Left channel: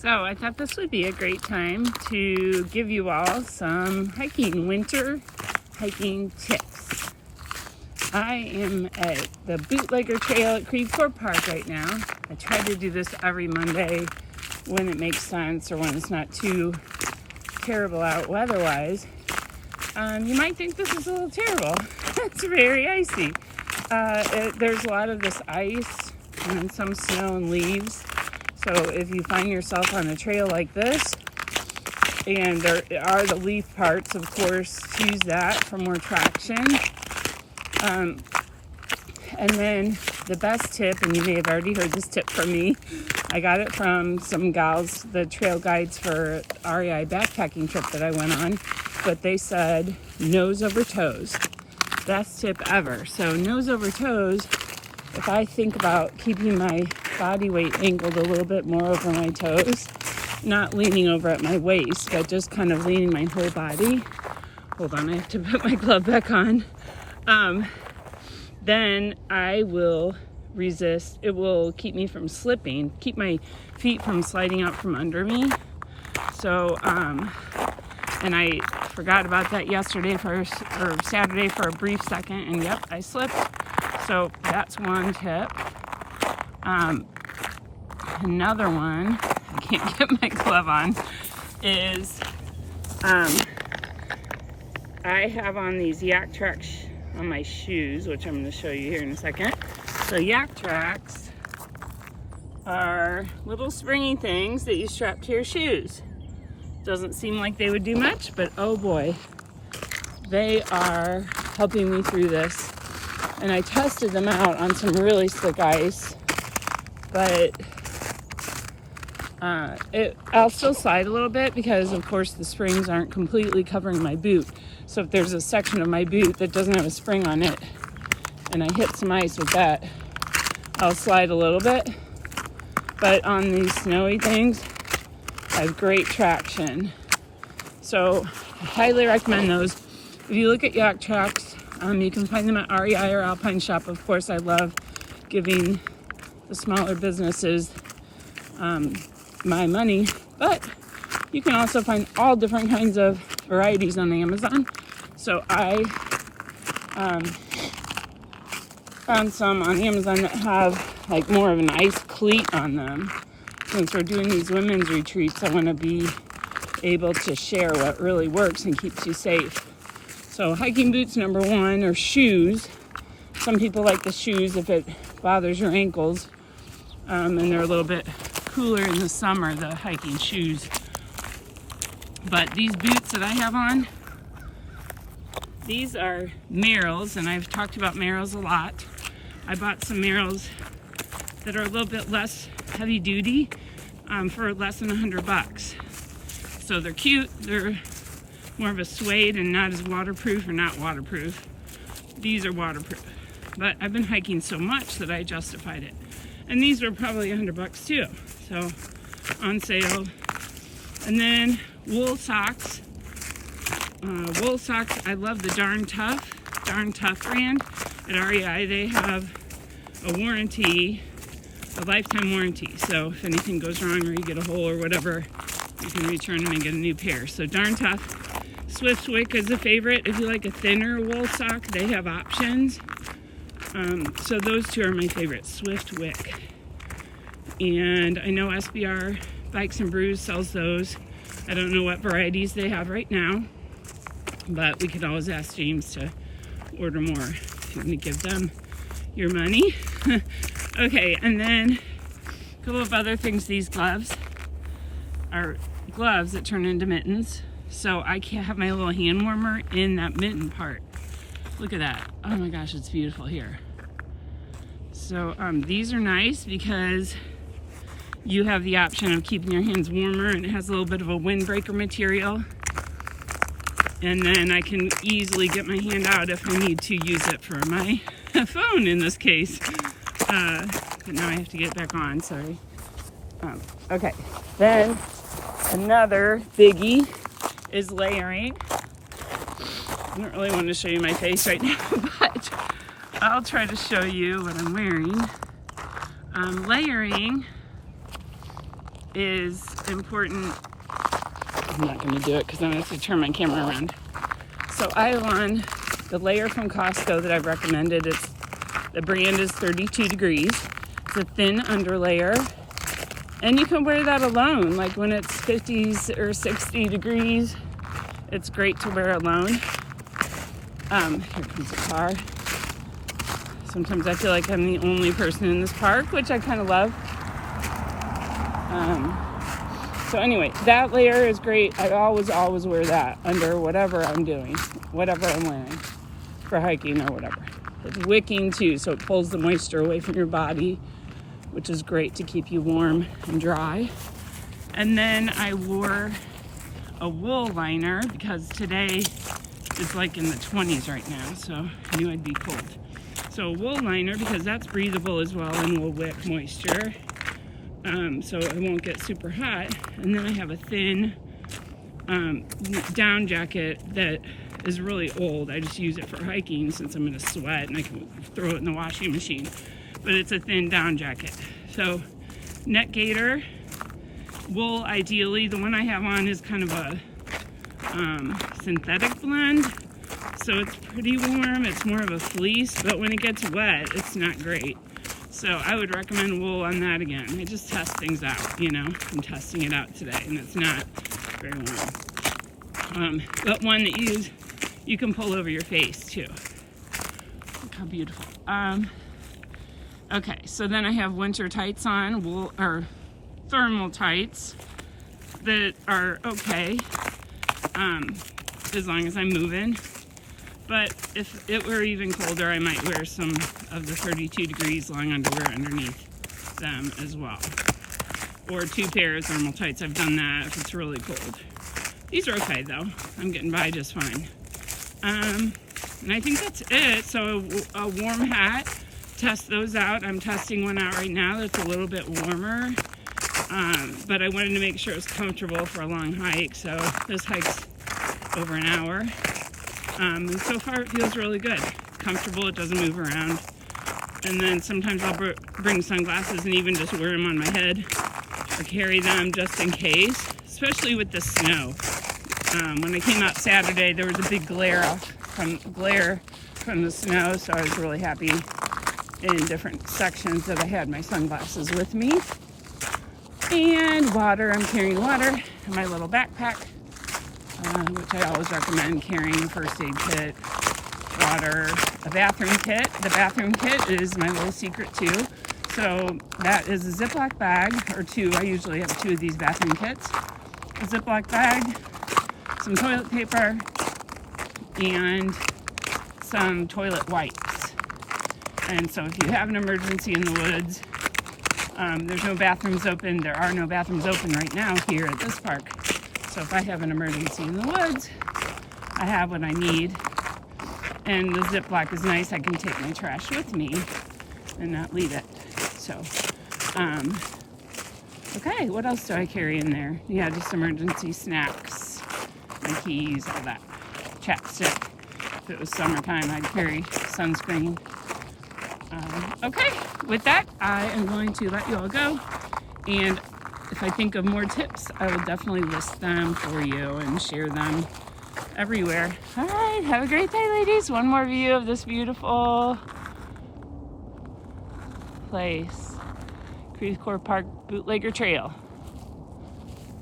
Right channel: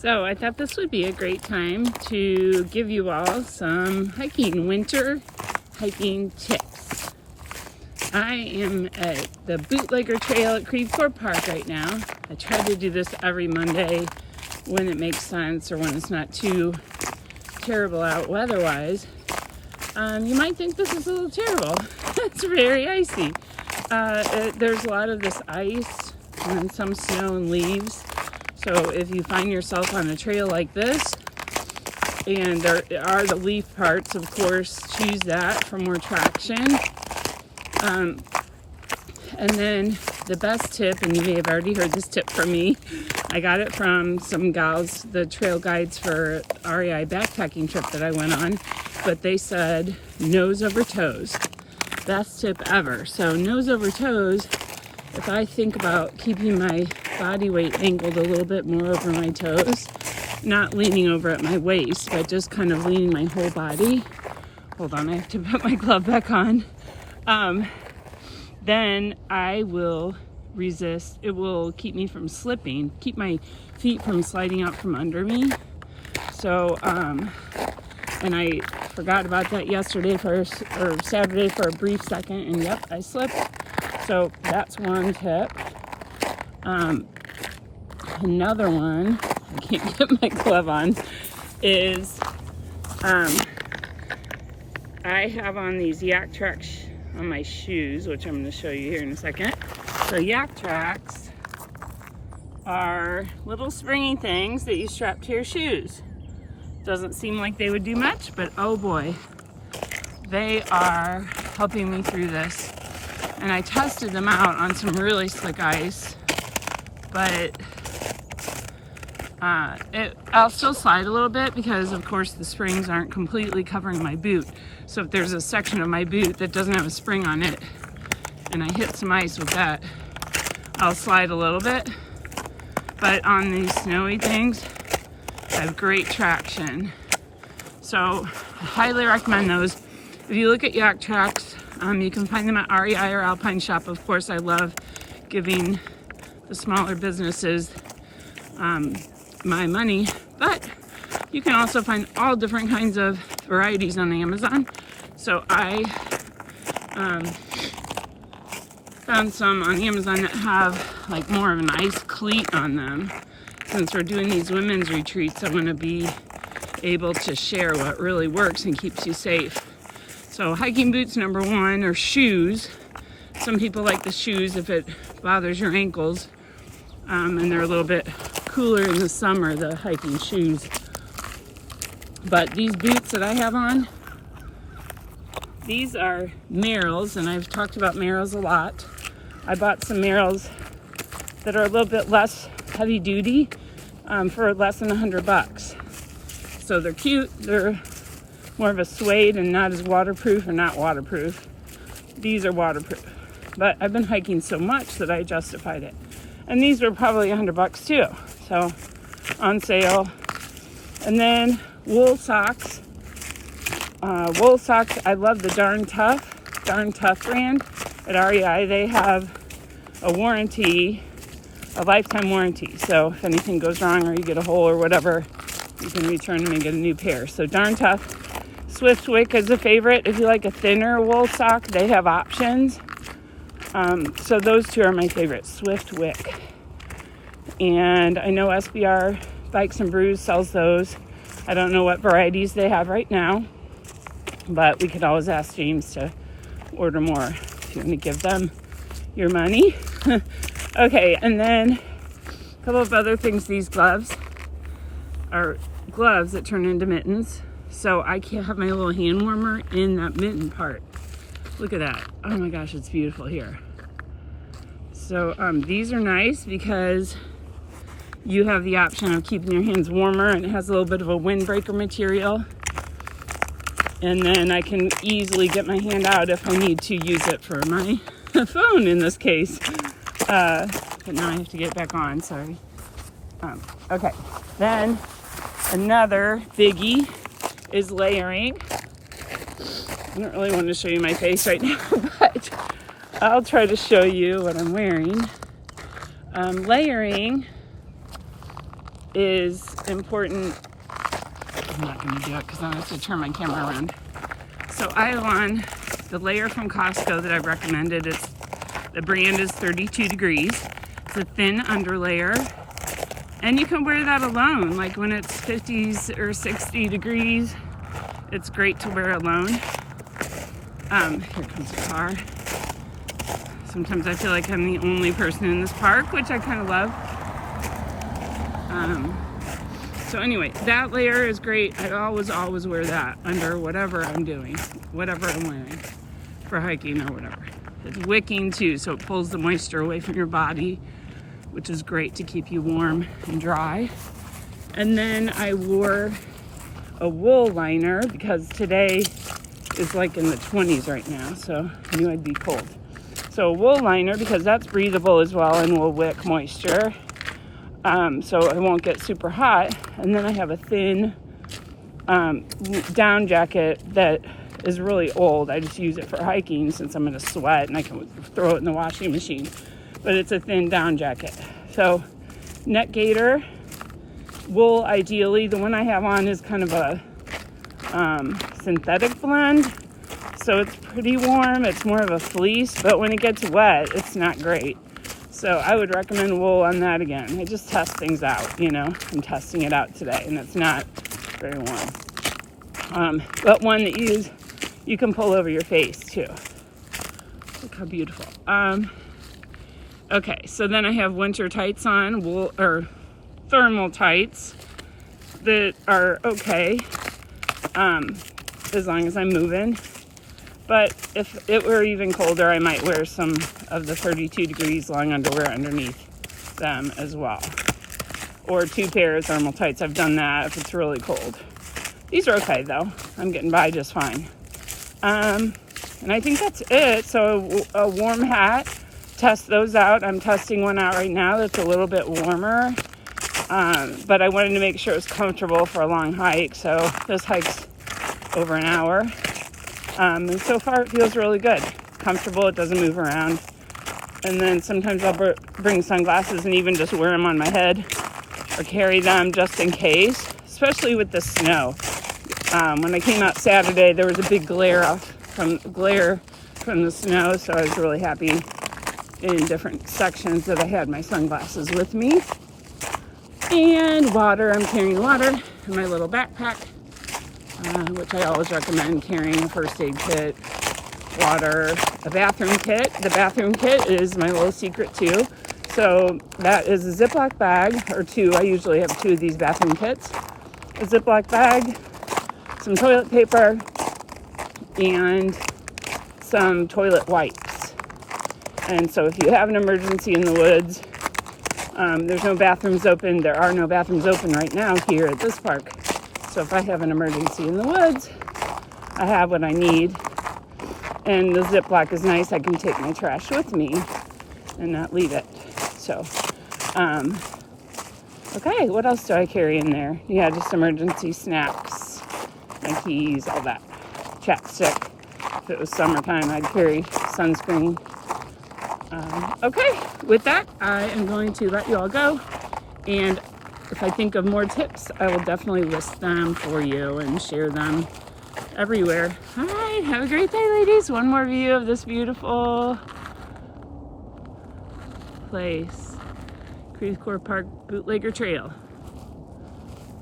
So I thought this would be a great time to give you all some winter hiking tips. I am at the Bootlegger Trail at Creve Coeur Park right now. I try to do this every Monday when it makes sense or when it's not too terrible out weather-wise. You might think this is a little terrible. It's very icy. There's a lot of this ice and some snow and leaves. So if you find yourself on a trail like this, and there are the leaf parts, of course, choose that for more traction. And then the best tip, and you may have already heard this tip from me, I got it from some gals, the trail guides for REI backpacking trip that I went on, but they said nose over toes. Best tip ever. So nose over toes, if I think about keeping my body weight angled a little bit more over my toes, not leaning over at my waist, but just kind of leaning my whole body. Hold on, I have to put my glove back on. Then I will resist. It will keep me from slipping, keep my feet from sliding out from under me. So, and I forgot about that yesterday or Saturday for a brief second, and yep, I slipped. So that's one tip. Another one, I can't get my glove on, is I have on these Yaktrax on my shoes, which I'm going to show you here in a second. So Yaktrax are little springy things that you strap to your shoes. Doesn't seem like they would do much, but oh boy, they are helping me through this. And I tested them out on some really slick ice, but I'll still slide a little bit because of course the springs aren't completely covering my boot. So if there's a section of my boot that doesn't have a spring on it and I hit some ice with that, I'll slide a little bit. But on these snowy things, I have great traction. So I highly recommend those. If you look at Yaktrax, you can find them at REI or Alpine Shop. Of course, I love giving the smaller businesses my money, but you can also find all different kinds of varieties on Amazon. So I found some on Amazon that have like more of an ice cleat on them. Since we're doing these women's retreats, I want to be able to share what really works and keeps you safe. So hiking boots number one, or shoes. Some people like the shoes if it bothers your ankles, and they're a little bit cooler in the summer, the hiking shoes. But these boots that I have on, these are Merrells, and I've talked about Merrells a lot. I bought some Merrells that are a little bit less heavy duty for less than $100. So they're cute, they're more of a suede and not as waterproof, or not waterproof. These are waterproof. But I've been hiking so much that I justified it. And these were probably $100 too. So on sale. And then wool socks. Wool socks, I love the Darn Tough brand at REI. They have a warranty, a lifetime warranty. So if anything goes wrong or you get a hole or whatever, you can return them and get a new pair. So Darn Tough. Swiftwick is a favorite. If you like a thinner wool sock, they have options. So those two are my favorites, Swiftwick. And I know SBR Bikes and Brews sells those. I don't know what varieties they have right now, but we could always ask James to order more if you want to give them your money. Okay, and then a couple of other things. These gloves are gloves that turn into mittens. So I can't have my little hand warmer in that mitten part. Look at that. Oh my gosh, it's beautiful here. So these are nice because you have the option of keeping your hands warmer, and it has a little bit of a windbreaker material. And then I can easily get my hand out if I need to use it for my phone in this case. But now I have to get back on, sorry. Okay, then another biggie is layering. I don't really want to show you my face right now, but I'll try to show you what I'm wearing. Layering is important. I'm not going to do it because I'm going to have to turn my camera around. So I have on the layer from Costco that I've recommended. The brand is 32 degrees. It's a thin underlayer. And you can wear that alone. Like when it's 50s or 60 degrees, it's great to wear alone. Here comes the car. Sometimes I feel like I'm the only person in this park, which I kind of love. So anyway, that layer is great. I always wear that under whatever I'm doing, whatever I'm wearing for hiking or whatever. It's wicking too, so it pulls the moisture away from your body, which is great to keep you warm and dry. And then I wore a wool liner because today is like in the 20s right now, so I knew I'd be cold. So a wool liner because that's breathable as well and will wick moisture. So it won't get super hot. And then I have a thin down jacket that is really old. I just use it for hiking since I'm gonna sweat and I can throw it in the washing machine. But it's a thin down jacket. So net gaiter, wool ideally. The one I have on is kind of a synthetic blend. So it's pretty warm. It's more of a fleece, but when it gets wet, it's not great. So I would recommend wool on that again. I just test things out, you know. I'm testing it out today, and it's not very warm. But one that you can pull over your face too. Look how beautiful. Okay, so then I have winter tights on, wool or thermal tights that are okay, as long as I'm moving. But if it were even colder, I might wear some of the 32 degrees long underwear underneath them as well. Or 2 pairs of thermal tights. I've done that if it's really cold. These are okay though. I'm getting by just fine. And I think that's it. So a warm hat, test those out. I'm testing one out right now that's a little bit warmer. But I wanted to make sure it was comfortable for a long hike. So this hike's over an hour. And so far it feels really good. It's comfortable, it doesn't move around. And then sometimes I'll bring sunglasses and even just wear them on my head or carry them just in case, especially with the snow. When I came out Saturday, there was a big glare from the snow, so I was really happy in different sections that I had my sunglasses with me. And water, I'm carrying water in my little backpack. Which I always recommend carrying a first aid kit, water, a bathroom kit. The bathroom kit is my little secret too. So that is a Ziploc bag, or 2. I usually have 2 of these bathroom kits. A Ziploc bag, some toilet paper, and some toilet wipes. And so if you have an emergency in the woods, there's no bathrooms open. There are no bathrooms open right now here at this park. So if I have an emergency in the woods, I have what I need. And the Ziploc is nice. I can take my trash with me and not leave it. So, okay, what else do I carry in there? Yeah, just emergency snacks, my keys, all that. Chapstick. If it was summertime, I'd carry sunscreen. Okay, with that, I am going to let you all go. And if I think of more tips, I will definitely list them for you and share them everywhere. All right, have a great day, ladies. One more view of this beautiful place. Creve Coeur Park Bootlegger Trail.